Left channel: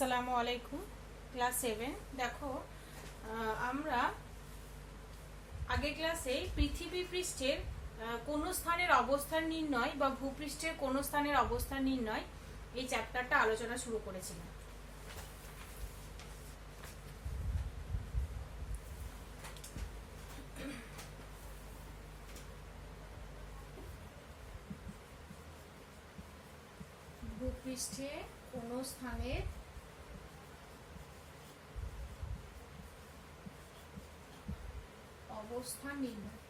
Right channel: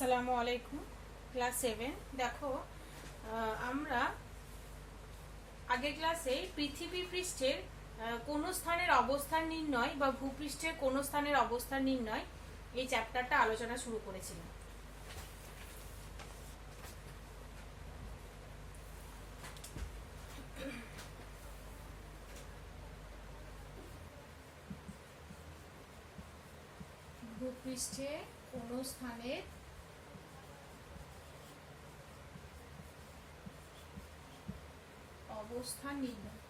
আসসালামু আলাইকুম। ক্লাস 7 দেখো, আমরা আগের ক্লাসে পৃথিবী পৃষ্ঠের কোন স্থানের অবস্থান নির্ণয় বা ভূপৃষ্ঠের কোন স্থানের অবস্থান নির্ণয় এই চ্যাপ্টারটা আলোচনা শুরু করেছিলাম। ভূপৃষ্ঠে কোন স্থানের অবস্থান নির্ণয়।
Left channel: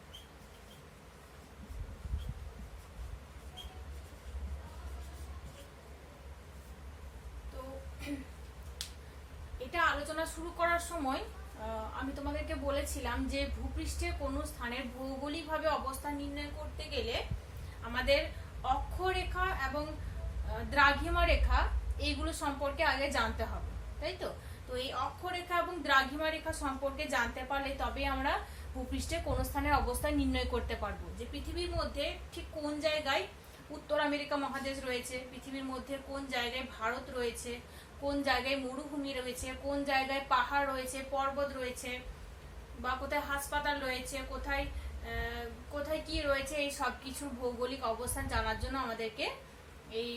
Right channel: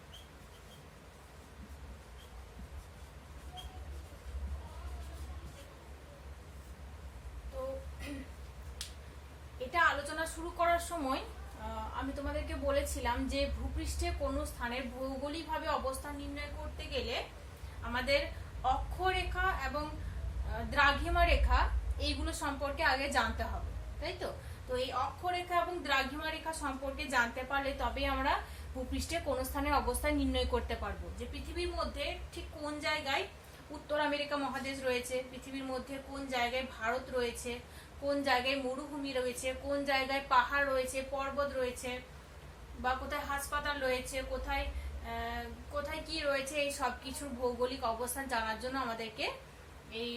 তো এটা আলোচনা শুরু করার সময় আমি তোমাদেরকে বলেছিলাম যে ভূপৃষ্ঠে কোন স্থানের ভৌগোলিকভাবে অবস্থান নির্ণয় করতে গেলে আমাদের অক্ষরেখা এবং দ্রাঘিমা রেখা এইগুলো সম্পর্কে আগে জানতে হবে, তাই তো? তো এই অক্ষরেখা এবং দ্রাঘিমা রেখা সম্পর্কে জানতে পারলে তবে আমরা ভূপৃষ্ঠে কোন স্থানের অবস্থান নির্ণয় করতে পারবো, যে পৃথিবীর মধ্যে ঠিক কোন জায়গায় উত্তর আমেরিকা মহাদেশ রয়েছে, পৃথিবীর মধ্যে কোন জায়গায় ভারত রয়েছে, কোন জায়গায় মরুভূমি রয়েছে, কোন জায়গায় পাহাড় রয়েছে, পর্বত রয়েছে, বা কোথায় হাসপাতাল রয়েছে, কোথায় কোথায় কি রয়েছে, এই সব কিছুর ভৌগোলিক অবস্থান জানার জন্য আমাদেরকে এই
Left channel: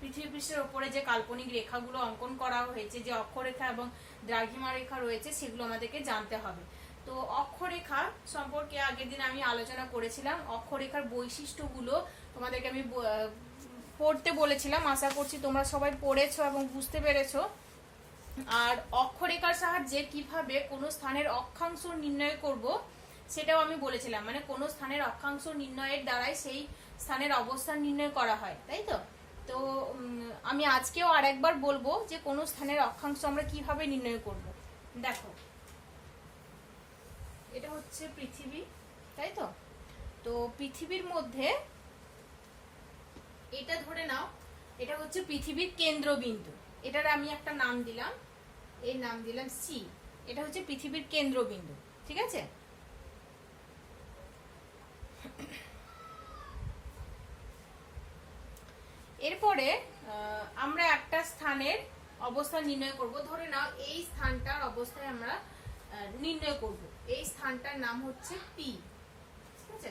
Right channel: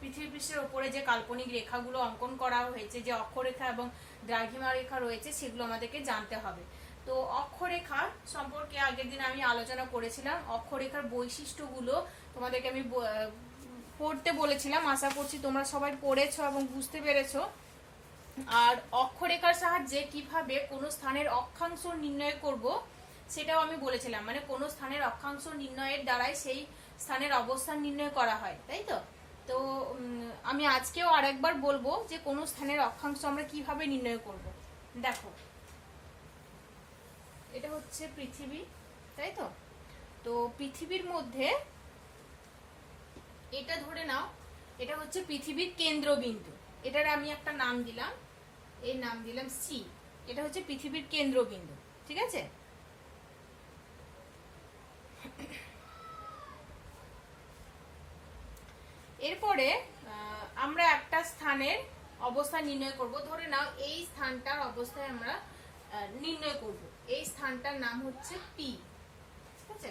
পৃথিবী পৃষ্ঠের উপরে যে কাল্পনিক রেখাগুলো অঙ্কন করা হয়েছে, যে অক্ষরেখা এবং দ্রাঘিমা রেখা রয়েছে, সেগুলো আমাদেরকে জানতে হবে। তো অক্ষরেখা সম্পর্কে আগের দিন আমি আলোচনা করেছিলাম। অক্ষরেখার বৈশিষ্ট্যগুলো তোমাদেরকে আমি পড়তে বলেছিলাম। আশা করছি তোমরা সবাই পড়েছো এবং বুঝতে পেরেছো। আর অক্ষরেখার সাহায্যে কিভাবে কোন স্থানের অক্ষাংশ নির্ণয় করব সেটাও আমি বলেছিলাম। মানে কোন স্থানের অক্ষাংশ নির্ণয়ের দ্বারাই সেই স্থানের অবস্থান নির্ণয় করা হয়, তাই তো? তো আমি আজকেও আরেকবার বলবো যে কোন স্থানের অক্ষাংশ আমরা কিভাবে নির্ণয় করব। দেখো, এটা হচ্ছে পৃথিবী, তাই তো? তো পৃথিবীর মধ্যে এটা ধরে নাও, এটা হচ্ছে পৃথিবীর কেন্দ্রবিন্দু। এটার আমি একটা নাম দিলাম, এর নাম দিলাম সি। এটা হচ্ছে পৃথিবীর কেন্দ্রবিন্দু, ঠিক আছে? এরপরে আমরা একটা স্থানের অবস্থান নির্ণয় করব। ধরে নাও এই স্থানটার অবস্থায় আমরা নির্ণয় করব। এই স্থানটার নাম হচ্ছে পি, ঠিক আছে?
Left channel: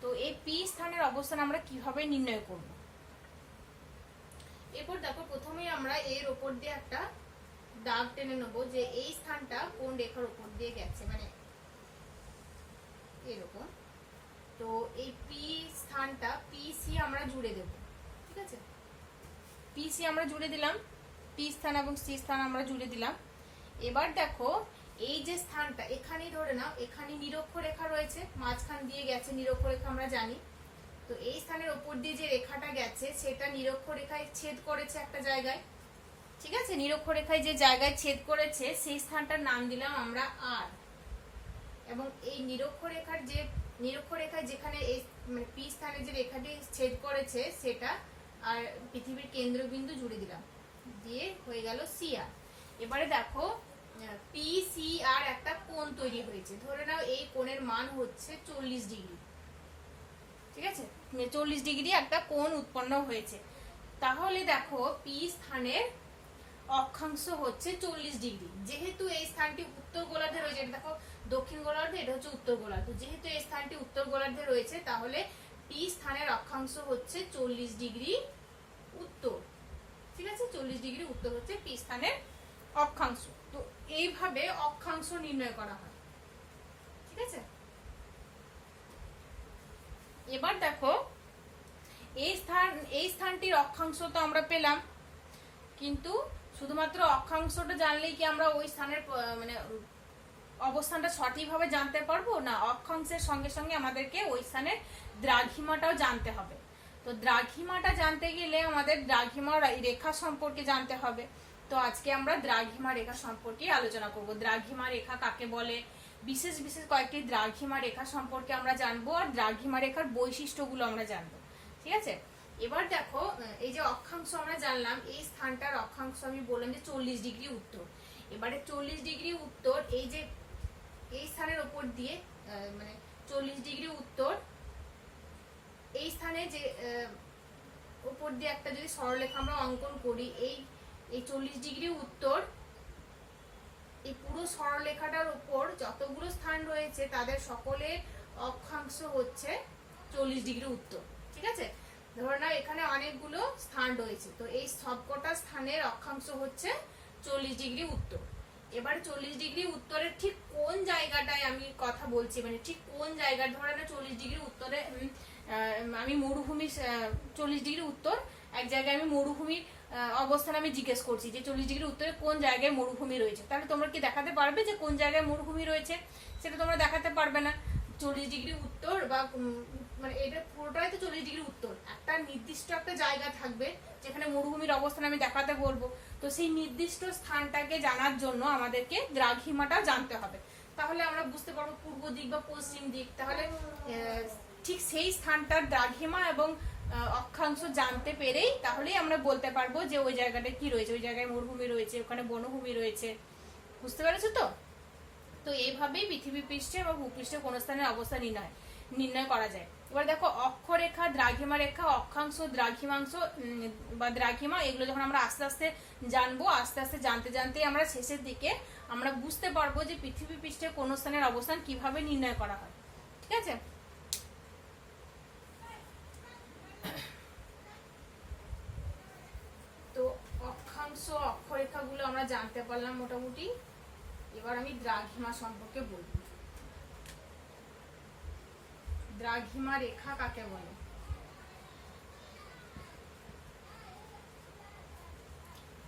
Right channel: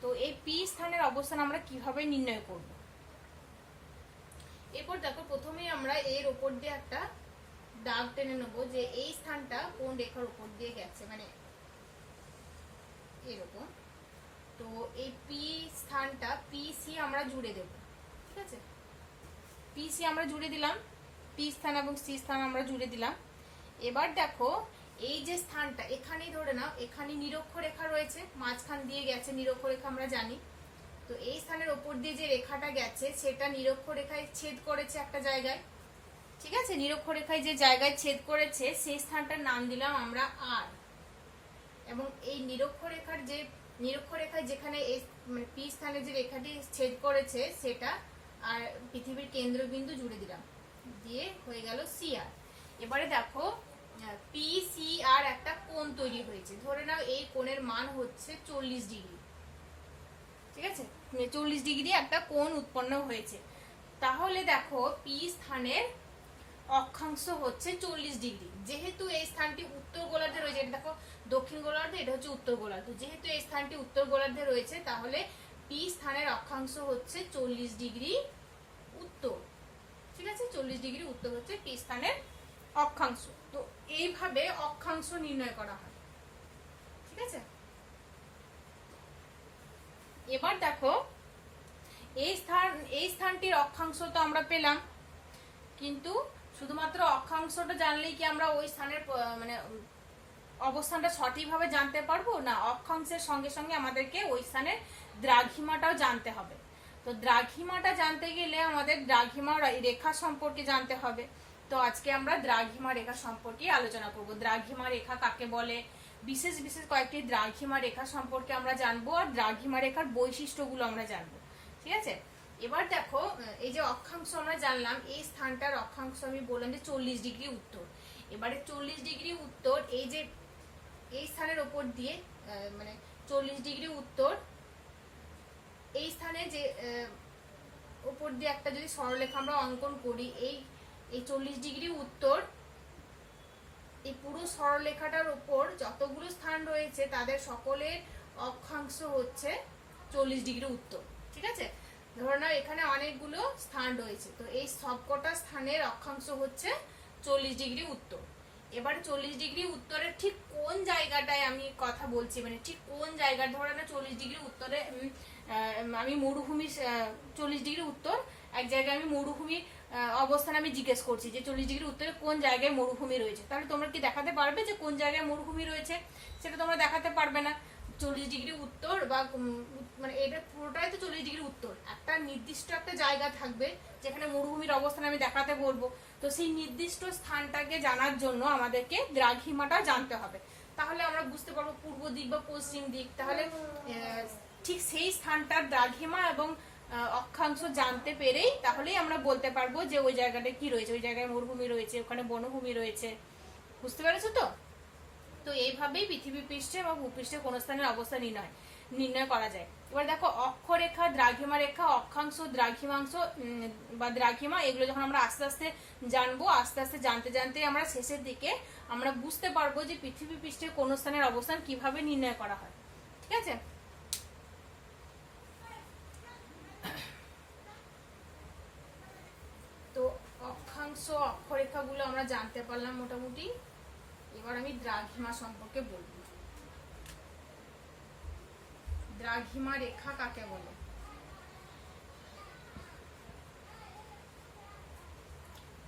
তো এই পি স্থানের অবস্থান আমরা কিভাবে নির্ণয় করব? এরপর দেখো, প্রথমেই আমরা এর উপর দিয়ে একটা দাগ টেনে নেবো যে এই স্থানটা কোন রেখার উপর দিয়ে গেছে, মানে এরকম। তো এই পি স্থানটা পি সি আমরা জুড়ে দেব, ঠিক আছে? পি সি আমরা জুড়ে দিলাম, পি স্থান এবং সি স্থান আমরা জুড়ে দিলাম। এবার দেখো, এই যে স্থানটা এখানেই ধরে নাও, এখানে নিরক্ষরেখা রয়েছে, মাঝখান দিয়ে গেছে নিরক্ষরেখা, আমরা জানি। তো এই স্থানের উপর দিয়ে যে রেখাটা গেছে সেটা নিরক্ষরেখায় ছেদ করেছে একটা জায়গায়, ঠিক আছে? নিরক্ষরেখায় যে জায়গায় ছেদ করেছে সেই স্থানটার নাম দিলাম আমরা আর। এবং এই নিরক্ষরেখায় যেখানে মানে পি স্থানে যে রেখাটি ছেদ করেছে সেটা আর পৃথিবীর কেন্দ্রবিন্দু জুড়ে দিলাম, দিয়ে হয়ে গেল সি আর। এবারে দেখো, পি সি আর একটা কোণ তৈরি হয়েছে। ধরে নাও এই কোণের মান হচ্ছে 40 ডিগ্রি, ঠিক আছে? 40 ডিগ্রি একটা কোণ উৎপন্ন হয়েছে। তাহলে দেখো, পি স্থানের অক্ষাংশ হচ্ছে 40 ডিগ্রি। যেহেতু এই স্থানটি উত্তর গোলার্ধে রয়েছে, এটা দেখো দক্ষিণ গোলার্ধে, এটা হচ্ছে উত্তর গোলার্ধ। যেহেতু এই স্থানটি উত্তর গোলার্ধে রয়েছে, তাহলে পি স্থানের অক্ষাংশ হচ্ছে 40 ডিগ্রি উত্তর, ঠিক আছে? 40 ডিগ্রি উত্তর হচ্ছে পি স্থানের অক্ষাংশ। তো এইভাবে অক্ষাংশ নির্ণয় করা হয়, ঠিক আছে? এবার দেখো, এই স্থানটির অক্ষাংশ তো আমরা পেলাম, কিন্তু শুধুমাত্র অক্ষাংশটা জানলেই কি আমরা ওই স্থানের মানে অবস্থানটা সঠিকভাবে জানতে পারবো না? অক্ষাংশের সঙ্গে সঙ্গে আমাদেরকে ওই স্থানের দ্রাঘিমাটাও জানতে হবে। তো দ্রাঘিমাটা জানতে গেলে আমাদের দ্রাঘিমা রেখা সম্পর্কে জানতে হবে। তো আজকে আমরা দ্রাঘিমা রেখা সম্পর্কে আলোচনা করব। দ্রাঘিমা রেখা কাকে বলে, বিশেষ বিশেষ কয়েকটি দ্রাঘিমা রেখা সম্পর্কে আমরা জানবো, আর দ্রাঘিমা রেখার বৈশিষ্ট্যগুলো আমরা জানবো, ঠিক আছে? এবার দেখো, এই যে অক্ষাংশ আমরা জানলাম, এই স্থানটার অক্ষাংশ আমি বললাম যে 40 ডিগ্রি উত্তর। এবারে 40 ডিগ্রি উত্তর, এই যে এই স্থানের উপর দিয়ে মানে 40 ডিগ্রি উত্তর, এই স্থানে যে উপর দিয়ে একটা যদি সরলরেখা আমরা অঙ্কন করি, এই এই 40° উত্তর, এই পুরো সরলরেখাটার উপর যতগুলো স্থান রয়েছে তাদের সকলের অক্ষাংশ হচ্ছে 40° উত্তর। ঠিক আছে, ধরে নাও এখানে অনেকগুলো স্থান রয়েছে, তো এই সবকটা স্থানের অক্ষাংশ হচ্ছে 40° উত্তর। এবার 40° উত্তরের ঠিক কোন জায়গাটায় আমি কথা বলছি, মানে ঠিক কোন জায়গা, ধরে না 40° উত্তরে আমি মরুভূমি, 40° উত্তর এক জায়গায় আমি মরুভূমির অবস্থান আমি জিজ্ঞেস করছি যে 40° উত্তরে কোন জায়গায় মরুভূমি রয়েছে, তাহলে তোমরা কি দেখাতে পারবে যে কোন জায়গায় মরুভূমি রয়েছে? সেটা তোমরা দেখাতে পারবে না। 40° উত্তর বা মানে এটা পুরোটাই তো 40° উত্তর, একটা নির্দিষ্ট একটা জায়গা থাকবে যেখানে মরুভূমির অবস্থান আমি দেখাতে বলবো, তো সেই নির্দিষ্ট স্থানটাকে জানার জন্য আমাদেরকে দ্রাঘিমাটা জানতে হবে, তাহলে আমরা বুঝতে পারবো পূর্ব দিক বা পশ্চিম দিক, তাহলে ঠিক সেই স্থানটার দ্রাঘিমা এবং অক্ষাংশ জানতে পেরেই তাহলেই আমরা বলতে পারবো যে ওই জায়গাটা কি রয়েছে, ওই জায়গায় মরুভূমি রয়েছে, ওখানে বনভূমি রয়েছে। বুঝতে পেরেছো তো? তো এইভাবেই পৃথিবী পৃষ্ঠে বা ভূপৃষ্ঠে কোন স্থানের অবস্থা নির্ণয় করা যায়। এবার দেখো অক্ষরেখা, দ্রাঘিমা রেখা, অক্ষাংশ, দ্রাঘিমাংশ বা দ্রাঘিমা, এগুলো যখন আমরা আস্তে আস্তে জানবো, আস্তে আস্তে জানতে জানতে আমরা শেষের দিকে আমরা বুঝতে পারবো যে পৃথিবী পৃষ্ঠে কোন স্থানের অবস্থান কিভাবে নির্ণয় করা হয়। ঠিক আছে, তো অক্ষাংশ অক্ষরেখাগুলো আমরা জানতে পারলাম মোটামুটি। এবার আমি দ্রাঘিমা সম্পর্কে বলবো। দ্রাঘিমা রেখা কাকে বলে?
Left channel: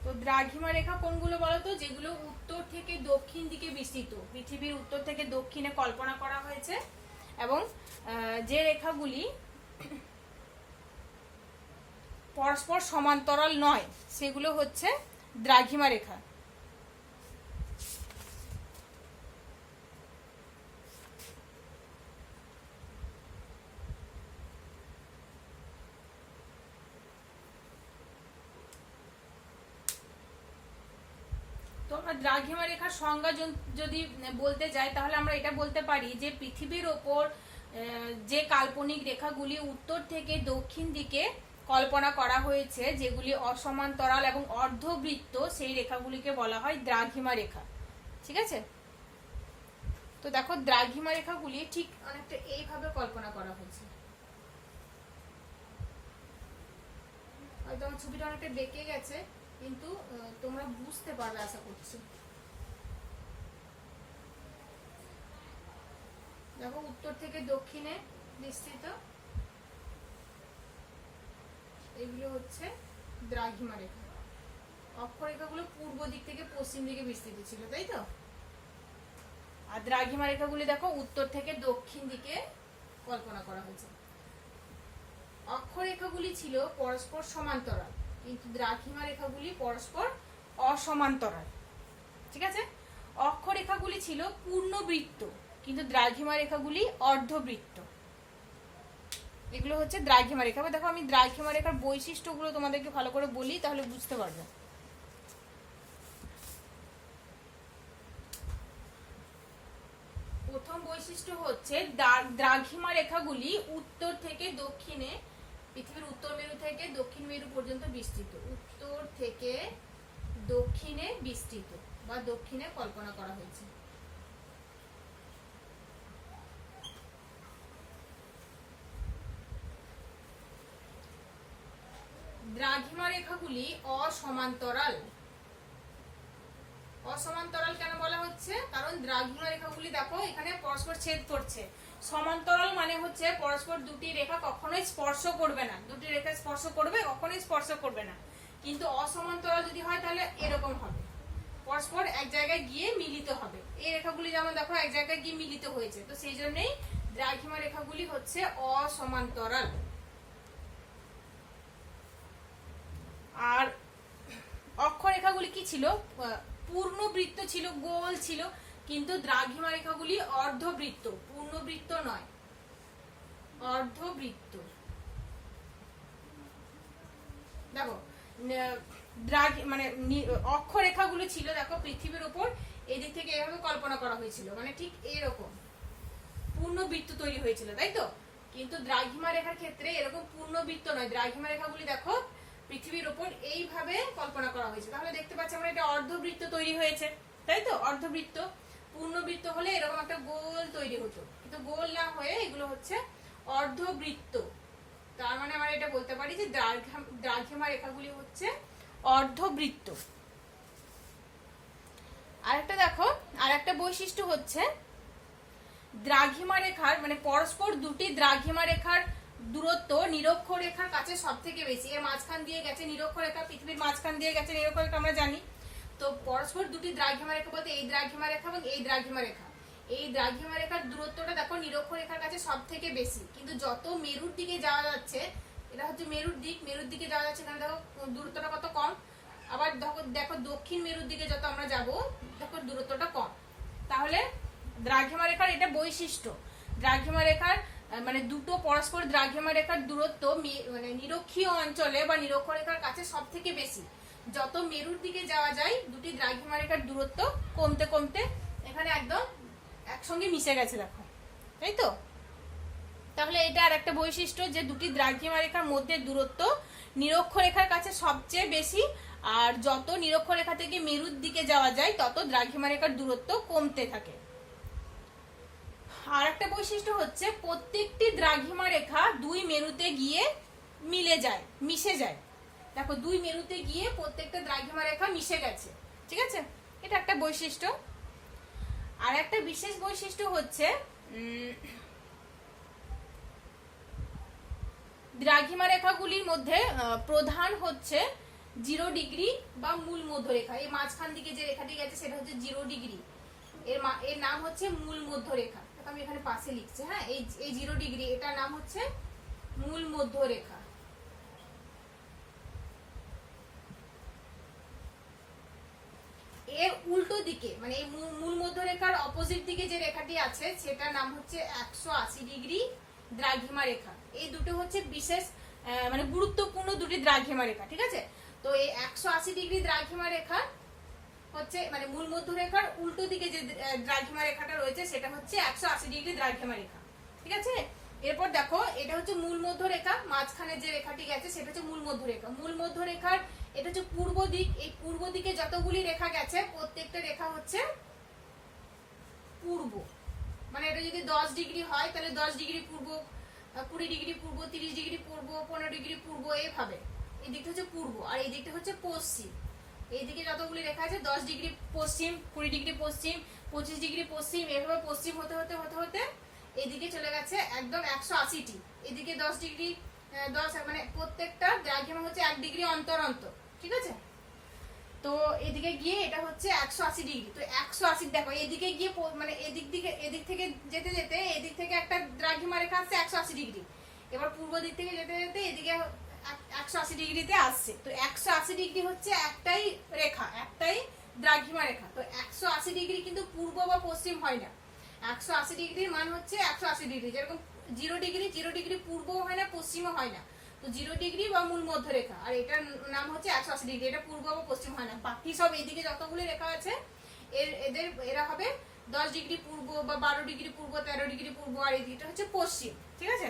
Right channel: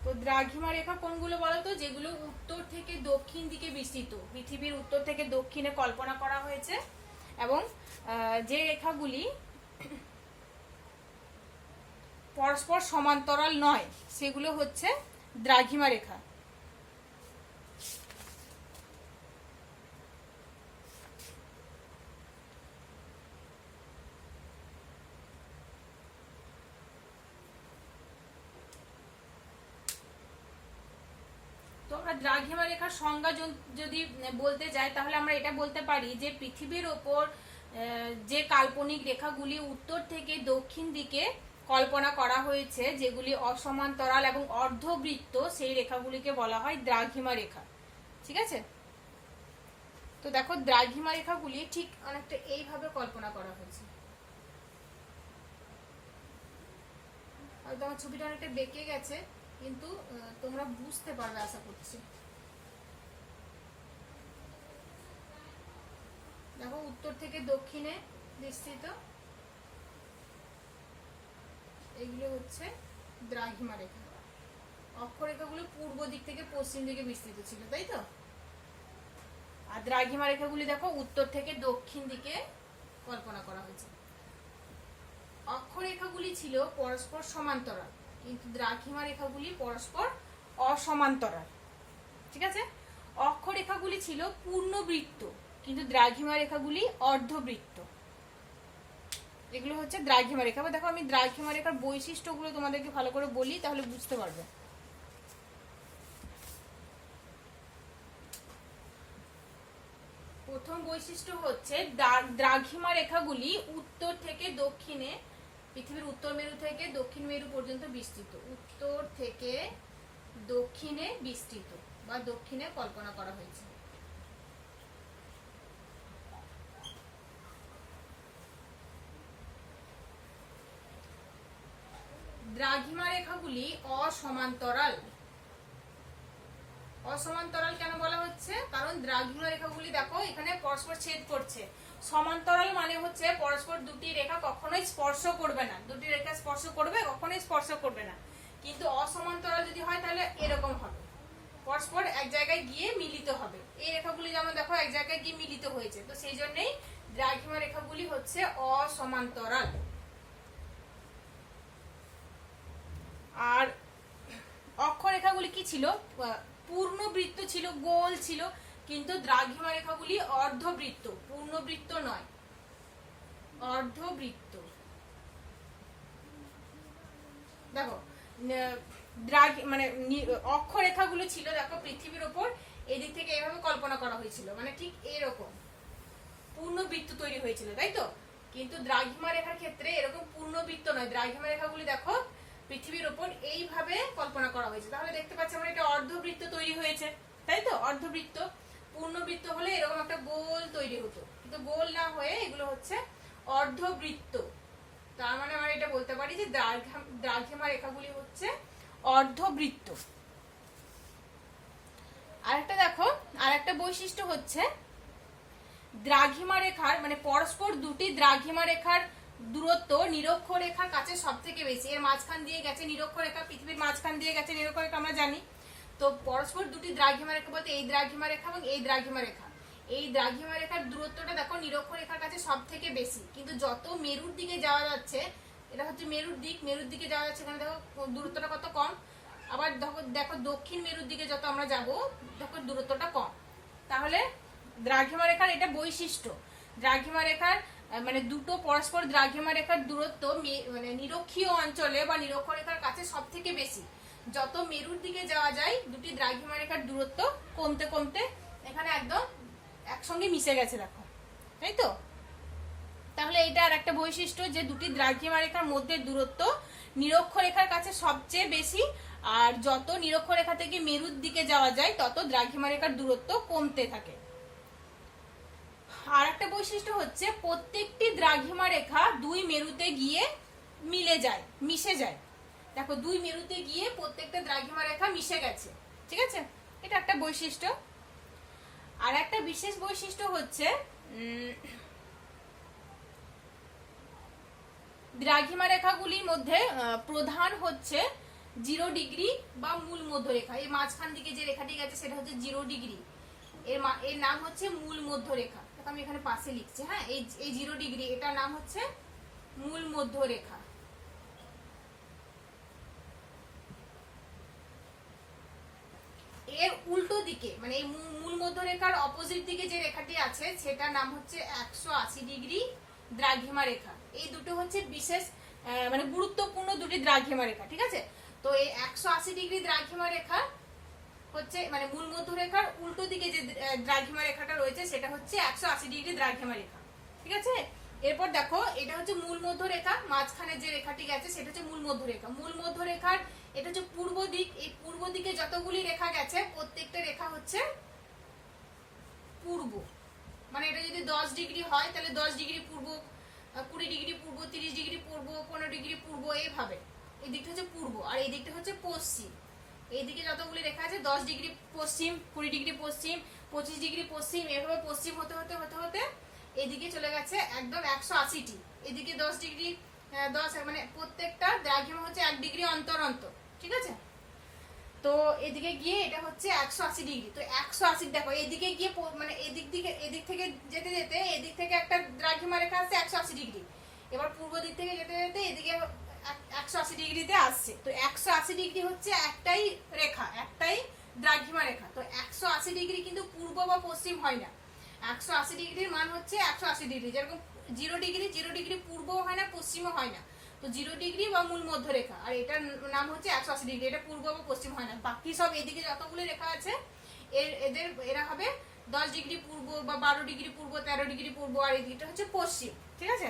তো দ্রাঘিমা রেখা কোনগুলো বলতো? যেগুলো উত্তর থেকে দক্ষিণ দিকে বিস্তৃত, পৃথিবীর উত্তর থেকে দক্ষিণে কল্পনা করা হয়েছে, এবং যে রেখাগুলি পরস্পর সমান্তরাল নয় সেগুলো হচ্ছে দ্রাঘিমা রেখা। দ্রাঘিমা রেখার সংজ্ঞা যদি বলতে যাই তাহলে আমরা এটা বলতে পারি যে পৃথিবীর ওপর যে কাল্পনিক রেখাগুলি উত্তর থেকে দক্ষিণ দিকে কল্পনা করা হয়েছে, যেগুলি অসমান্তরাল এবং অর্ধবৃত্ত, সেই রেখাগুলিকে বলা হয় দ্রাঘিমা রেখা। ঠিক আছে, তো দেখো দ্রাঘিমা রেখাগুলি ঠিক অনেকটা এইভাবে কল্পনা করা হয়েছে। হয়তো আমার ছবিটা অনেকটা বেঁকে গেছে, কিন্তু তোমরা বুঝতে পারবে আশা করছি। দেখো উত্তর থেকে দক্ষিণে বিস্তৃত, এগুলো হচ্ছে দ্রাঘিমা রেখা। অক্ষরেখাগুলো পূর্ব দিক থেকে পশ্চিম দিকে বিস্তৃত ছিল, তাই তো? আর দ্রাঘিমা রেখাগুলি দেখো উত্তর থেকে দক্ষিণ দিকে কল্পনা করা হয়েছে। অক্ষরেখাগুলি ছিল পরস্পর সমান্তরাল, কিন্তু দ্রাঘিমা রেখাগুলি পরস্পর অসমান্তরাল। ঠিক আছে, অক্ষরেখাগুলি ছিল পূর্ণবৃত্ত, কিন্তু দ্রাঘিমা রেখাগুলি অর্ধবৃত্ত। এগুলো হচ্ছে দ্রাঘিমা রেখা। দেখো আমি দ্রাঘিমা রেখার বৈশিষ্ট্যগুলো তোমাদেরকে ভালো করে বলি, তাহলে বুঝতে পারবে। প্রথম বৈশিষ্ট্য হচ্ছে দ্রাঘিমা রেখাগুলি উত্তর থেকে দক্ষিণে, পৃথিবীর উত্তর মেরু থেকে দক্ষিণ মেরু পর্যন্ত বিস্তৃত, উত্তর থেকে দক্ষিণে বিস্তৃত বা দক্ষিণে কল্পনা করা হয়েছে। দ্রাঘিমা রেখাগুলি অসমান্তরাল। অসমান্তরাল কেন বলা হচ্ছে? কারণ দ্রাঘিমা রেখাগুলি দেখো এখানে পরস্পর ছেদ করছে। সমান্তরাল মানে হচ্ছে পরস্পর দুটি রেখা কখনোই স্পর্শ করবে না, দুটি রেখা স্পর্শ করবে, কখনোই স্পর্শ করবে না। কিন্তু অসমান্তরাল যদি হয় তাহলে এরকম হবে, পরস্পর এক জায়গায় গিয়ে মিলিত হবে। এই রেখাগুলি যেমন দেখো এক জায়গায় গিয়ে মিলিত হয়েছে, তো সেই জন্যই দ্রাঘিমা রেখাগুলি হচ্ছে অসমান্তরাল। আর অক্ষরেখাগুলি কি ছিল? পূর্ণবৃত্ত ছিল, গোল ছিল, কিন্তু দ্রাঘিমা রেখাগুলি অর্ধবৃত্ত, পূর্ণবৃত্ত নয়, অর্ধবৃত্ত। দেখো মানে অক্ষরেখাগুলো ছিল দেখো পৃথিবীর উপর এই দিক থেকে এভাবে কল্পনা করা হয়েছিল, মানে ঠিক এরকম পূর্ণবৃত্ত তৈরি হয়েছিল, তাই তো? কিন্তু দ্রাঘিমা রেখার ক্ষেত্রে এরকম পূর্ণবৃত্ত নয়, দ্রাঘিমা রেখাগুলি দেখো পৃথিবীর ওপর এইভাবে কল্পনা করা হয়েছে। তাহলে দেখতে পাচ্ছি আমরা এটা অর্ধবৃত্ত তৈরি হয়েছে, তাই তো? অর্ধবৃত্ত। পূর্ণবৃত্ত হলে এরকম একটা গোল তৈরি হতো, কিন্তু গোল না হয়ে এগুলো হচ্ছে অর্ধবৃত্ত। তার মানে আমরা এটা বলতে পারি যে দ্রাঘিমা রেখাগুলি হচ্ছে অর্ধবৃত্ত। আরেকটা দেখো, আরেকটা বৈশিষ্ট্য হচ্ছে দ্রাঘিমা রেখার মানে পরস্পর দুটি দ্রাঘিমা রেখার দূরত্ব নিরক্ষরেখার কাছে সব থেকে বেশি। এর মাঝখান দিয়ে গেছে নিরক্ষরেখা, পৃথিবীর মাঝখান দিয়ে গেছে নিরক্ষরেখা, আমরা জানি। তো পরস্পর দুটি দ্রাঘিমা রেখা বলতে এই দ্রাঘিমা রেখা এবং এই দ্রাঘিমা রেখা, এই দ্রাঘিমা রেখার দূরত্বটা দেখো নিরক্ষরেখার কাছে সব থেকে বেশি। কিন্তু যত মেরুর দিকে যাওয়া যাচ্ছে, এটা হচ্ছে মেরুর দিক, মেরুর দিকে যাওয়া যাচ্ছে, এখানে দেখো দূরত্বটা কত কম। আবার দেখো দক্ষিণ মেরুর দিকে যত আমরা যাব, দেখো দূরত্বটা কম। তাহলে দ্রাঘিমা রেখার এটা বৈশিষ্ট্য। দ্রাঘিমা রেখার মানে দুটো পরস্পর দ্রাঘিমা রেখার দূরত্ব মানে নিরক্ষীয় অঞ্চলে বা নিরক্ষরেখার কাছে সব থেকে বেশি। যত মেরুর দিকে যাওয়া যায় দুটি দ্রাঘিমা রেখার দূরত্ব কমতে কমতে এখানে একদম একসঙ্গে মিশে গেছে, দেখো, তাই তো? তাহলে এটা আর একটা বৈশিষ্ট্য যে দুটি দ্রাঘিমা রেখার মধ্যে দূরত্ব নিরক্ষরেখার কাছে সবচেয়ে বেশি, আর যত নিরক্ষরেখা থেকে মেরুর দিকে যাওয়া যায় তত দ্রাঘিমা রেখার দূরত্ব কমতে থাকে। আর একটা বৈশিষ্ট্য হচ্ছে প্রত্যেকটি দ্রাঘিমা রেখা দুই মেরুতে গিয়ে মিলে যায়, মিশে যায়। দেখো দুই মেরুতে গিয়ে প্রত্যেকটা দ্রাঘিমা রেখা মিশে গেছে, ঠিক আছে? এটা একটা বৈশিষ্ট্য। আর একটা বিশেষ বৈশিষ্ট্য হচ্ছে দ্রাঘিমা রেখাগুলির মধ্যে প্রধান হচ্ছে 0 ডিগ্রি বা মূল মধ্যরেখা। এই মাঝখান দিকে যে রেখাটি গেছে সেটা হচ্ছে 0 ডিগ্রি, এর নাম হচ্ছে মূল মধ্যরেখা। আমি এখানে পাশে লিখছি, হ্যাঁ, এই 0 ডিগ্রি এটার নাম হচ্ছে মূল মধ্যরেখা। এর উল্টো দিকে মানে এই মূল মধ্যরেখার অপোজিট দিকে যে রেখাটি আছে সেটার নাম হচ্ছে 180 ডিগ্রি দ্রাঘিমা রেখা। এই দুটো হচ্ছে বিশেষ মানে গুরুত্বপূর্ণ দুটি দ্রাঘিমা রেখা, ঠিক আছে? তো এই 180 ডিগ্রি দ্রাঘিমা রেখা হচ্ছে মানে মূল মধ্যরেখার উল্টো দিকে যে দ্রাঘিমা রেখাটা রয়েছে সেটা হচ্ছে 180 ডিগ্রি দ্রাঘিমা রেখা, ঠিক আছে? এরপর দেখো এটা হচ্ছে মূল মধ্যরেখা, মাঝখানে যে রেখাটি গেছে সেটা হচ্ছে মূল মধ্যরেখা। মূল মধ্যরেখার এটা হচ্ছে পূর্ব দিক। এই পূর্ব দিকে যতগুলি রেখা গেছে প্রত্যেকটা রেখা হচ্ছে পূর্ব। মানে এটা যদি 10 ডিগ্রি হয় তাহলে 10 ডিগ্রি পূর্ব, 20 ডিগ্রি পূর্ব, 30 ডিগ্রি পূর্ব, 15 ডিগ্রি পূর্ব, এইভাবে। এই দিকটা হচ্ছে পূর্ব আর এই দিকটা হচ্ছে পশ্চিম। এইদিকে যতগুলি রেখা আছে 10 ডিগ্রি পশ্চিম, 20 ডিগ্রি পশ্চিম, 25 ডিগ্রি পশ্চিম, এভাবে পশ্চিম হতে হতে হতে হতে এদিকে চলে গেছে একদম 180টি। এদিকে 10 ডিগ্রি 10 মানে প্রত্যেকটা দ্রাঘিমা হচ্ছে 1 ডিগ্রি অন্তর অন্তর, ঠিক আছে? তো এদিকে গিয়ে এটা হচ্ছে 180 ডিগ্রি। তো 180 দেখো এদিকে গিয়ে মানে এদিক থেকে যেতে যেতে এদিক থেকে একটা দ্রাঘিমা রেখা আছে 180 ডিগ্রি। এবার পূর্ব দিক থেকে যেতে যেতে এদিকে 180 ডিগ্রিতে আসছে। তো 180 ডিগ্রি হচ্ছে একটাই রেখা, একটাই দ্রাঘিমা রেখা। তো 180 ডিগ্রি কিন্তু পূর্ব বা পশ্চিম হয় না। 180 ডিগ্রির মান হচ্ছে 180 ডিগ্রি। যেরকম 0 ডিগ্রি পূর্বও হয় না পশ্চিমও হয় না। তো 0 ডিগ্রি বা মূল মধ্যরেখা, আর এটার নাম হচ্ছে 180 ডিগ্রি। এটা পূর্ব বা পশ্চিম হয় না। বাকি সব এদিকে যতগুলো রেখা আছে এরা হবে 10 ডিগ্রি পূর্ব বা 12 ডিগ্রি পূর্ব, 13 ডিগ্রি পূর্ব, আর এদিকটা হচ্ছে পশ্চিম, ঠিক আছে?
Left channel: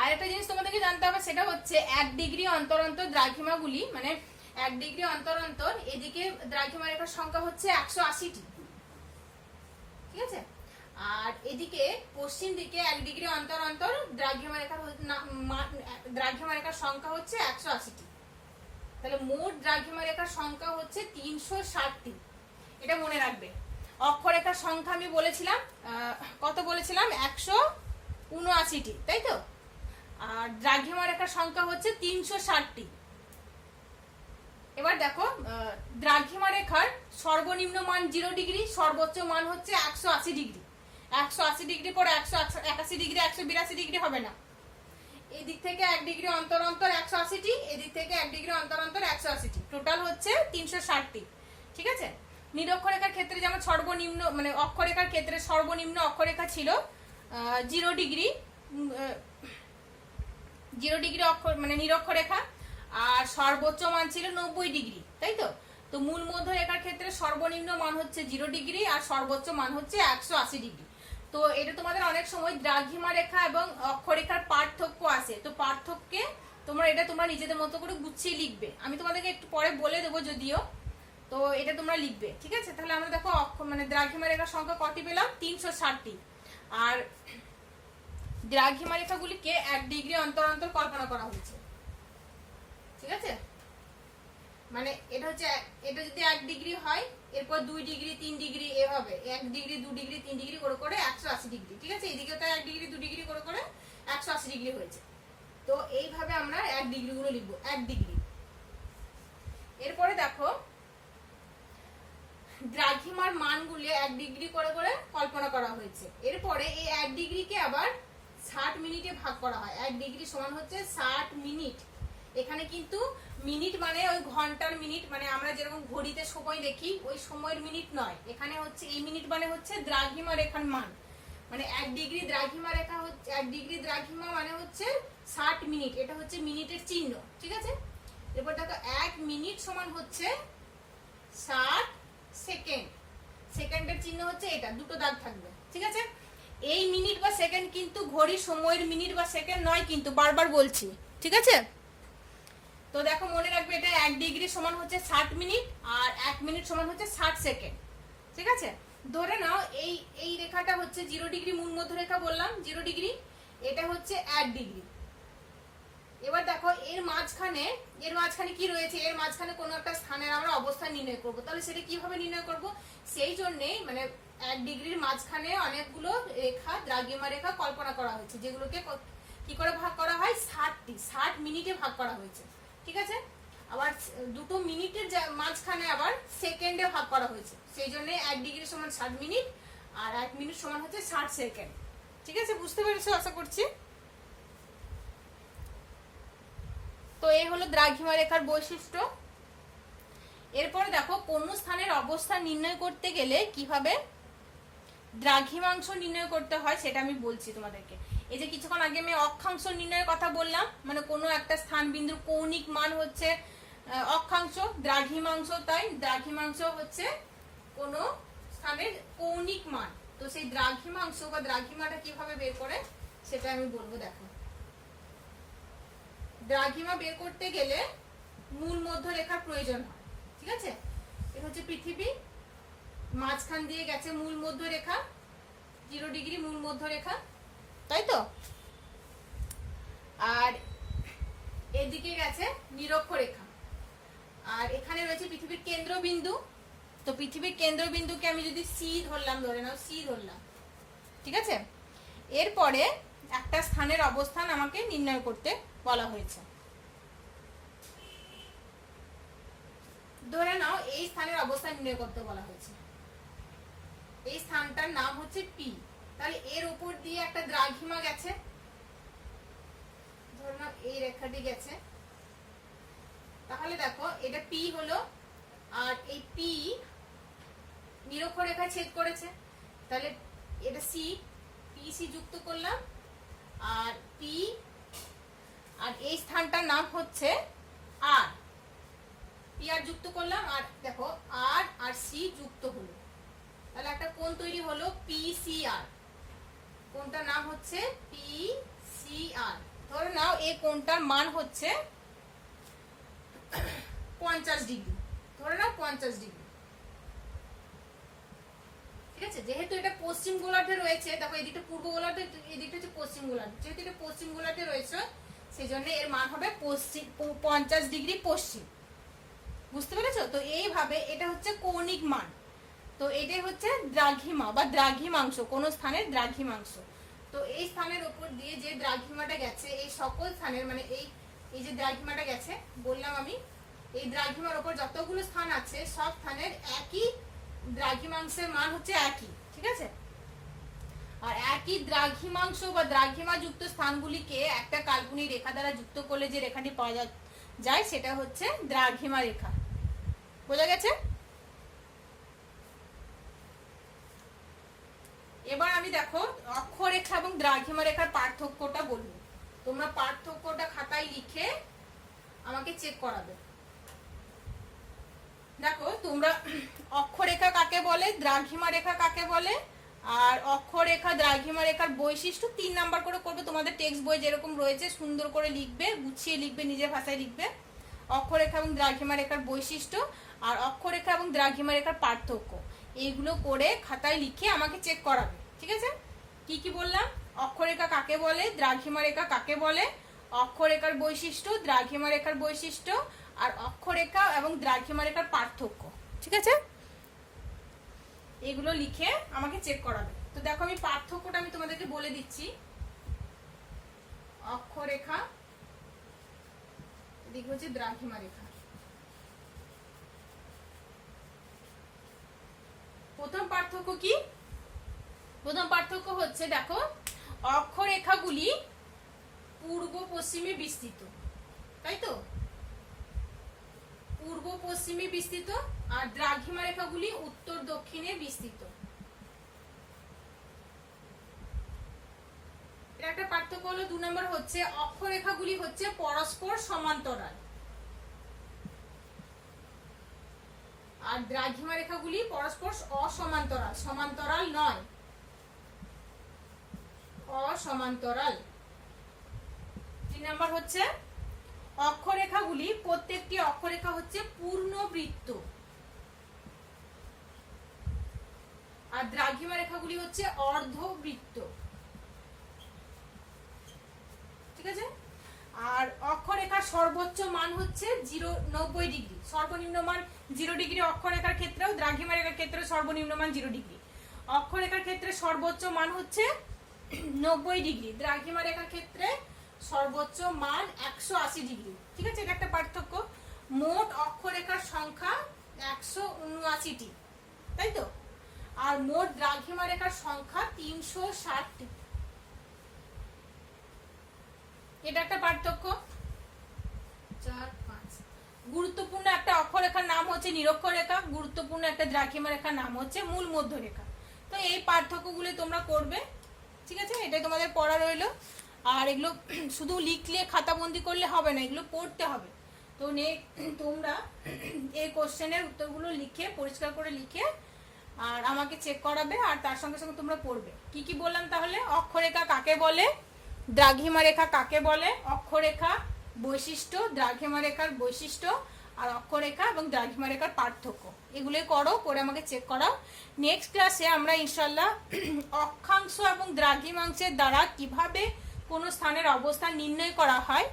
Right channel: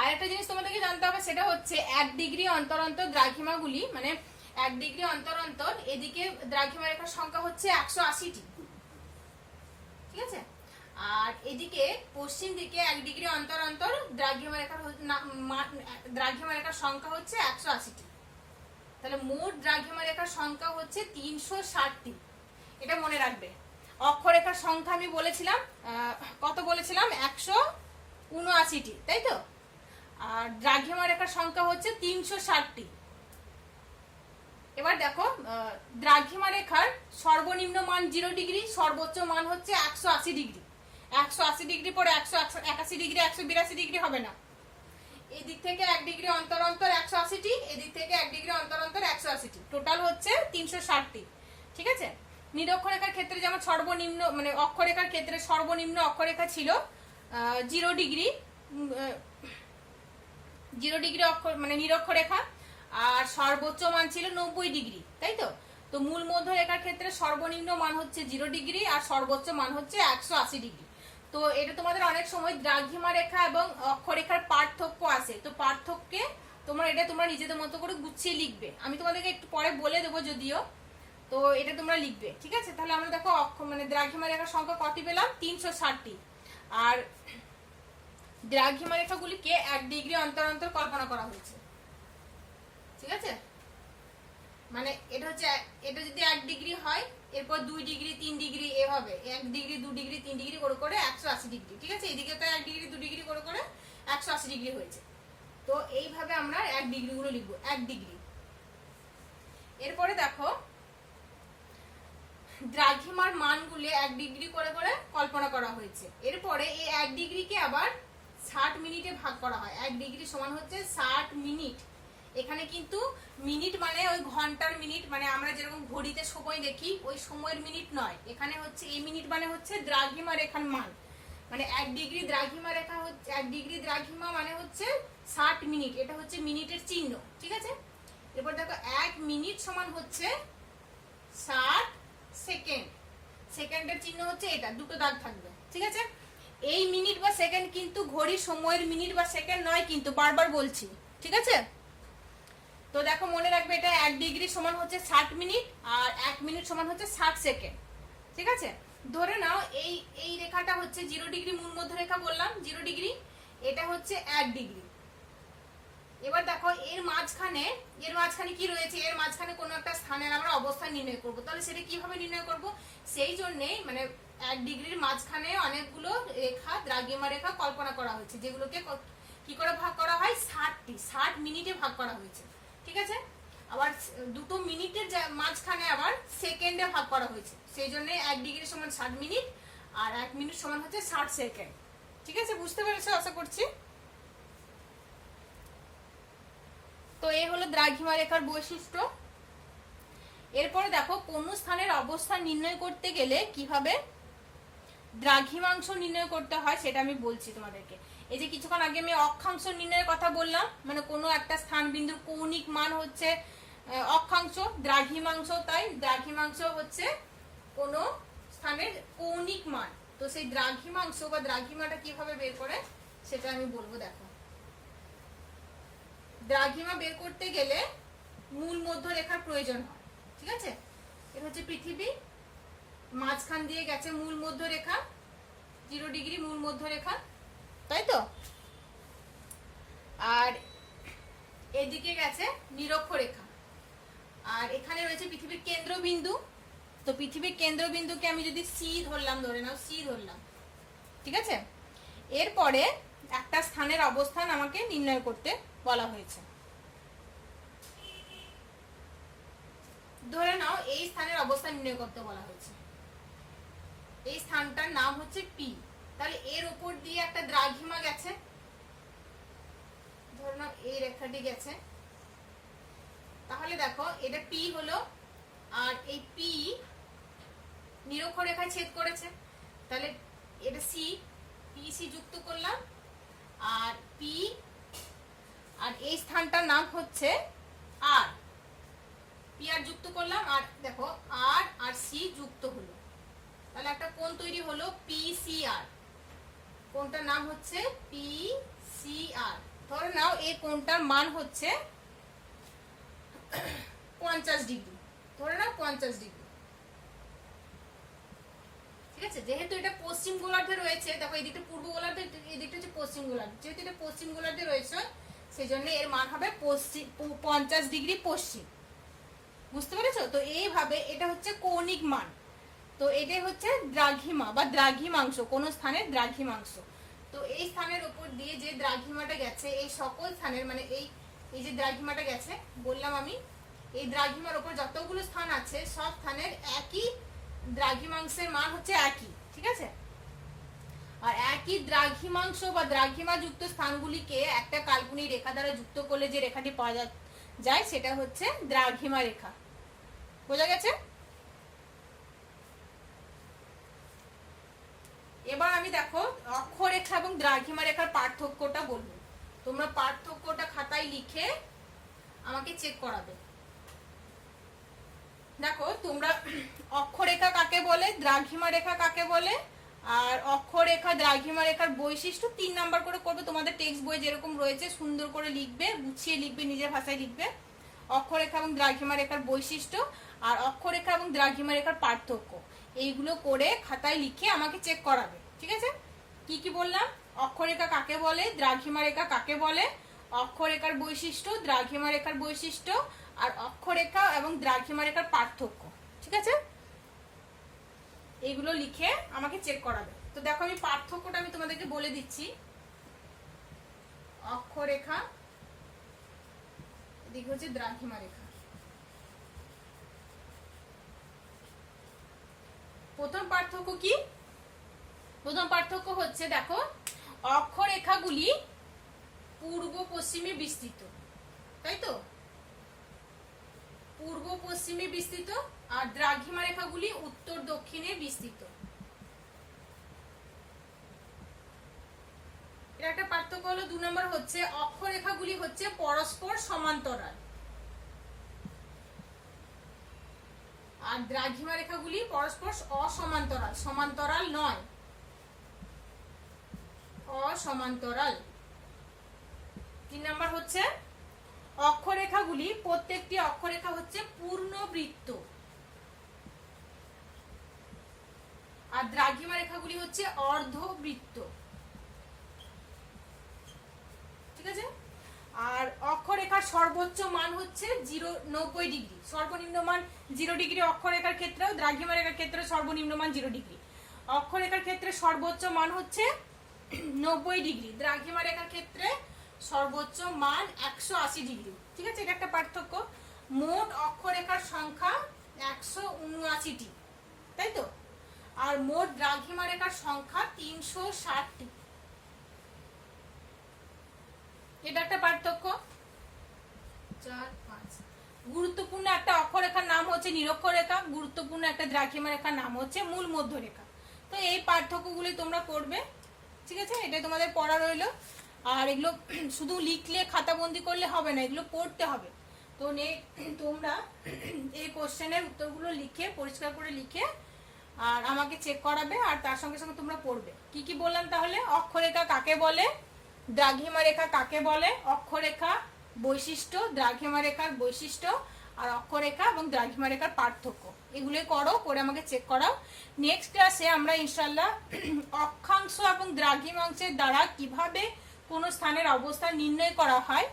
আর একটা জিনিস তোমাদেরকে জানতে হবে সেটা হচ্ছে 1 ডিগ্রি অন্তর অন্তর দ্রাঘিমাগুলি মানে 1 ডিগ্রি অন্তর অন্তর এদিকে দ্রাঘিমা রেখার সংখ্যা হচ্ছে 180টি, ঠিক আছে? আর এদিকে পশ্চিম দিকে 1 ডিগ্রি অন্তর অন্তর দ্রাঘিমা রেখার সংখ্যা হচ্ছে 180টি। তাহলে মোট দ্রাঘিমা রেখার সংখ্যা হচ্ছে 360টি। এটা মনে রাখবে। অক্ষরেখার সংখ্যা আমি বলেছিলাম কত বলেছিলাম, 179টি, তাই তো? আর দ্রাঘিমা রেখার সংখ্যা হচ্ছে 360টি। এবার দেখো দ্রাঘিমা রেখার সর্বনিম্ন মান 0 ডিগ্রি, সর্বোচ্চ মান হচ্ছে 180 ডিগ্রি। 180 ডিগ্রি পরে 181 ডিগ্রি, 182 ডিগ্রি হবে না। এদিক থেকে 1 ডিগ্রি অন্তর অন্তর 180টি, এদিক থেকে 1 ডিগ্রি অন্তর অন্তর 180টি, টোটাল হচ্ছে 360টি, ঠিক আছে? নিরক্ষরেখার ক্ষেত্রে যেমন সর্বনিম্ন মানে অক্ষরেখার ক্ষেত্রে সর্বনিম্ন অক্ষরেখা ছিল 0 ডিগ্রি, 0 ডিগ্রি অক্ষর মানে নিরক্ষরেখা, আর সর্বোচ্চ মান ছিল 90 ডিগ্রি, তাই তো? তো মূল মধ্যরেখার ক্ষেত্রে সর্বনিম্ন মান হচ্ছে 0 ডিগ্রি আর সর্বোচ্চ মান হচ্ছে 180 ডিগ্রি। তো এটা তোমাদের অনেক সময় দ্রাঘিমা রেখা এবং অক্ষরেখার পার্থক্য আসে। তো পার্থক্যে তোমরা নিজেদের মতো করে গুছিয়ে লিখবে। আমি তোমাদেরকে একটু পরে বলে দেবো যদিও, তো এটা তোমরা লিখবে, ঠিক আছে? তাহলে আমরা দেখো মানে দ্রাঘিমা রেখার সংখ্যা কটি পেলাম? 360টি। আর দ্রাঘিমা রেখাগুলিকে 1 ডিগ্রি অন্তর অন্তর কল্পনা করা হয়েছে, ঠিক আছে? মানে এটা যদি 1 ডিগ্রি হয়, এরপর 2 ডিগ্রি 3 ডিগ্রি, এভাবে 1 ডিগ্রি 2 ডিগ্রি 3 ডিগ্রি করে করে 180 ডিগ্রি, ঠিক আছে? এদিকে তো 1 ডিগ্রি 2 ডিগ্রি করে করে 180 ডিগ্রি হয়েছে। তো এইভাবে আমরা 1 ডিগ্রি গুলো লিখবো, 1 ডিগ্রি। এরপরে দেখো দ্রাঘিমার মানগুলি 1 ডিগ্রি করে করে কল্পনা করা হয়েছে। এরপরে এই 1 ডিগ্রিকে আবার 60 মিনিটে ভাগ করা হয়। 1 ডিগ্রি সমান হচ্ছে 60 মিনিট। এখানে কিন্তু মিনিট মানে ওই ঘন্টার মিনিট, মানে আমরা যেরকম ঘড়িতে সময় দেখি ওই সময়ের মিনিট নয়, এখানে হচ্ছে এই মিনিট মানে হচ্ছে দ্রাঘিমা রেখার মান। মানে 1 ডিগ্রি দ্রাঘিমা রেখা হচ্ছে 1 ডিগ্রি দ্রাঘিমা মানে হচ্ছে 60 মিনিট, এটা হচ্ছে মিনিটের চিহ্ন, ঠিক আছে? এরপর দেখো 1 মিনিট সমান হচ্ছে 60 সেকেন্ড। সেকেন্ডের চিহ্ন হচ্ছে এটা, দুটো দাগ থাকবে, ঠিক আছে? এই মিনিট বা সেকেন্ড কিন্তু ঘড়ির সময়ের মিনিট বা সেকেন্ড নয়, কিন্তু বারবার বলছি, ঠিক আছে? তো দেখো মনে রাখবে, এটা 1 ডিগ্রি সমান হচ্ছে 60 মিনিট আর 1 মিনিট সমান হচ্ছে 60 সেকেন্ড, ঠিক আছে? ধরে নাও এই রেখাটা হচ্ছে 0 ডিগ্রি মূল মধ্য রেখা বললাম, 0 ডিগ্রি, এটা হচ্ছে 1 ডিগ্রি। এবার দেখো এর মাঝখানে কি রয়েছে? এর মাঝখানে কোনো একটা স্থানের আমরা অবস্থান নির্ণয় করব। তাহলে সেটা কিভাবে নির্ণয় করব? সেই জন্যই মানে 1 ডিগ্রির মাঝখানে অনেকগুলো রেখা, দ্রাঘিমা রেখা কল্পনা করা হয়েছে, যেগুলোকে কি করে ভাগ করা হয়? 60 মিনিটে ভাগ করা হয়েছে, ঠিক আছে? আবার দুটো মিনিটের মাঝখানে আবার সেকেন্ডে ভাগ করা হয়েছে, সেই জন্য 1 ডিগ্রি সমান 60 মিনিট আর 1 মিনিট সমান হচ্ছে 60 সেকেন্ড, ঠিক আছে? বুঝতে পেরেছো আশা করছি। তো এই হলো দ্রাঘিমা রেখার বৈশিষ্ট্য। এরপরে দেখো কোন স্থানের অবস্থান নির্ণয় করতে গেলে কিভাবে দ্রাঘিমাংশ নির্ণয় করতে হয় সেটা আমি বলছি তোমাদেরকে। এই যে কিছুক্ষণ আগে আমি অক্ষাংশ নির্ণয়ের কথা বললাম, মানে কোনো একটা স্থান বিন্দুর কৌণিক মান হচ্ছে অক্ষাংশ, দ্রাঘিমাংশ তাই দ্রাঘিমাংশ হচ্ছে কোন স্থানের কৌণিক মান। তো সেই দ্রাঘিমাংশ বা দ্রাঘিমাটা কিভাবে বের করে সেটা আমি বলবো। দেখো দ্রাঘিমা বের করতে গেলে মূল মধ্য রেখার প্রয়োজন হয়, ঠিক আছে? এটা হচ্ছে পৃথিবী, মাঝখান দিয়ে গেছে মূল মধ্য রেখা, 0 ডিগ্রি মূল মধ্য রেখা, তাই তো? আর এদিকে গেছে নিরক্ষরেখা, আর এখানে রয়েছে পৃথিবীর কেন্দ্রবিন্দু। তো পৃথিবীর কেন্দ্রবিন্দুকে আমি যদি সি ধরলাম, ধরে নাও সি ধরলাম, ঠিক আছে? এরপরে একটা স্থানের অবস্থান আমাকে নির্ণয় করতে বলা হয়েছে। ধরে নাও এই স্থানের অবস্থান নির্ণয় করতে বলা হয়েছে, এই স্থানটার নাম হচ্ছে পি। তাহলে এর উপর দিয়ে একটা দ্রাঘিমা গেছে, ধরে নাও এই রেখাটি গেছে, তাহলে দেখো এটা পি হলো, আর এই পি নিরক্ষরেখায় ছেদ করেছে, তাহলে এটা সি, পি সি যুক্ত করলাম, আর পি আর এই স্থানটার নাম হচ্ছে আর, পি আর যুক্ত করলাম, আর দেখো আর আর সি যুক্ত হলো, তাহলে একটা কোণ তৈরি হলো পি সি আর। কোণটার নাম হচ্ছে পি সি আর। ধরে নাও এই কোণটার মান হচ্ছে 50 ডিগ্রি, ধরে নাও 50 ডিগ্রি, ঠিক আছে? যেহেতু এটা পশ্চিম গোলার্ধে রয়েছে, দেখো এদিকটা পূর্ব গোলার্ধে, এদিকটা হচ্ছে পশ্চিম গোলার্ধে, যেহেতু এটা পশ্চিম গোলার্ধে রয়েছে সেই জন্য এর মান হবে 50 ডিগ্রি পশ্চিম। বুঝতে পেরেছো? তো এইভাবে এটা হচ্ছে কৌণিক মান। তো এটাই হচ্ছে দ্রাঘিমা বা দ্রাঘিমাংশ, কোন স্থানের দ্রাঘিমাংশ। তো এই স্থানের উপর দিয়ে যে দ্রাঘিমাটা গেছে, এই সকল স্থানের মানে এই যে দ্রাঘিমাটা গেছে বললাম আমি, এই দ্রাঘিমার উপর যতগুলো স্থান আছে সব স্থানের একই দ্রাঘিমাংশের মান হচ্ছে একই, ঠিক আছে? আর একই দ্রাঘিমাংশ বা দ্রাঘিমা যুক্ত স্থানগুলিকে একটা কাল্পনিক রেখা দ্বারা যুক্ত করলে যে রেখাটি পাওয়া যায় সেটা হচ্ছে দ্রাঘিমা রেখা। বোঝা গেছে? এবার আমি দেখো অক্ষরেখা এবং দ্রাঘিমা রেখার পার্থক্যটা বলবো। তোমরা পার্থক্যটা খাতায় লিখে আমাকে চেক করাবে। দেখো তোমরা অক্ষরেখা কাকে বলে, দ্রাঘিমা রেখা কাকে বলে, আর অক্ষরেখা দ্রাঘিমা রেখার বৈশিষ্ট্য 3 নাম্বার করে করবে। তোমাদের টেক্সট বই যেরকম রয়েছে সুন্দর করে লিখবে, গুছিয়ে লিখবে, নিজের ভাষায় লিখবে। অক্ষরেখা এবং দ্রাঘিমা রেখার বৈশিষ্ট্য আর অক্ষরেখা এবং দ্রাঘিমা রেখার পার্থক্য, এইগুলো করে খাতায় লিখে আমাকে চেক করাবে। ঠিক আছে? কি কি বললাম? অক্ষরেখা কাকে বলে, দ্রাঘিমা রেখা কাকে বলে, অক্ষরেখার বৈশিষ্ট্য, দ্রাঘিমা রেখার বৈশিষ্ট্য আর অক্ষরেখা এবং দ্রাঘিমা রেখার পার্থক্য। ঠিক আছে? এগুলো লিখে আমাকে চেক করাবে। তো দেখো আমি পার্থক্যটা আমি তোমাদেরকে বলে দিচ্ছি। অক্ষরেখা, এদিকে হচ্ছে দ্রাঘিমা রেখা। প্রথম পার্থক্য কি? প্রথম পার্থক্য হচ্ছে দেখো, অক্ষরেখাগুলি পূর্ব পশ্চিমে বিস্তৃত, তাই তো? পূর্ব পশ্চিমে বিস্তৃত আর দ্রাঘিমা রেখাগুলি উত্তর দক্ষিণে বিস্তৃত। এটা একটা পার্থক্য হলো। 2 নম্বর হচ্ছে অক্ষরেখাগুলি হচ্ছে পরস্পর সমান্তরাল আর দ্রাঘিমা রেখাগুলি পরস্পর অসমান্তরাল, সমান্তরাল নয়, অসমান্তরাল। 3 নম্বর হচ্ছে অক্ষরেখাগুলি, প্রত্যেকটি অক্ষরেখা হচ্ছে পূর্ণবৃত্ত আর দ্রাঘিমা রেখাগুলি হচ্ছে অর্ধবৃত্ত। ঠিক আছে? আর অক্ষরেখার সর্বোচ্চ মান হচ্ছে 90 ডিগ্রি, সর্বনিম্ন মান 0 ডিগ্রি। অক্ষরেখার ক্ষেত্রেও দ্রাঘিমা রেখার ক্ষেত্রে সর্বনিম্ন মান 0 ডিগ্রি। অক্ষরেখার ক্ষেত্রে সর্বোচ্চ মান হচ্ছে 90 ডিগ্রি, দ্রাঘিমা রেখার ক্ষেত্রে সর্বোচ্চ মান 180 ডিগ্রি। ঠিক আছে? এটা একটা পার্থক্য। মোট অক্ষরেখার সংখ্যা 179টি, তাই তো? আর মোট দ্রাঘিমা রেখার সংখ্যা 360টি। এটা একটা পার্থক্য। 4, 5। গুরুত্বপূর্ণ একটা অক্ষরেখার নাম হচ্ছে নিরক্ষরেখা, গুরুত্বপূর্ণ একটা দ্রাঘিমা রেখার নাম হচ্ছে মূল মধ্যরেখা। তো এই পার্থক্যগুলি তোমরা করবে। ঠিক আছে? এটা তোমাদের পড়া রইলো। আর এগুলো শুধু লিখলে, খাতাবন্দি করলে হবে না, এগুলো পড়তে হবে। তো তোমরা এই কোশ্চেনের উত্তরগুলো লিখে, পরিষ্কার করে লিখে আর আমাকে চেক করাবে, আর তার সঙ্গে সঙ্গে তোমরা পড়বে। কি কি বললাম তাহলে? অক্ষরেখা কাকে বলে, দ্রাঘিমা রেখা কাকে বলে, অক্ষরেখা বৈশিষ্ট্য, দ্রাঘিমা রেখার বৈশিষ্ট্য আর অক্ষরেখা এবং দ্রাঘিমা রেখার পার্থক্য, এগুলো করো, করে আমাকে চেক করাও। নেক্সট ক্লাসে আমরা ইনশাআল্লাহ অক্ষাংশ এবং দ্রাঘিমাংশের দ্বারা কিভাবে কোন স্থানের অবস্থান নির্ণয় করা হয়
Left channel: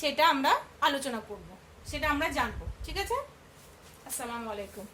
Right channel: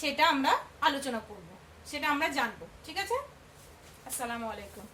সেটা আমরা আলোচনা করব, সেটা আমরা জানবো। ঠিক আছে? আসসালামু আলাইকুম।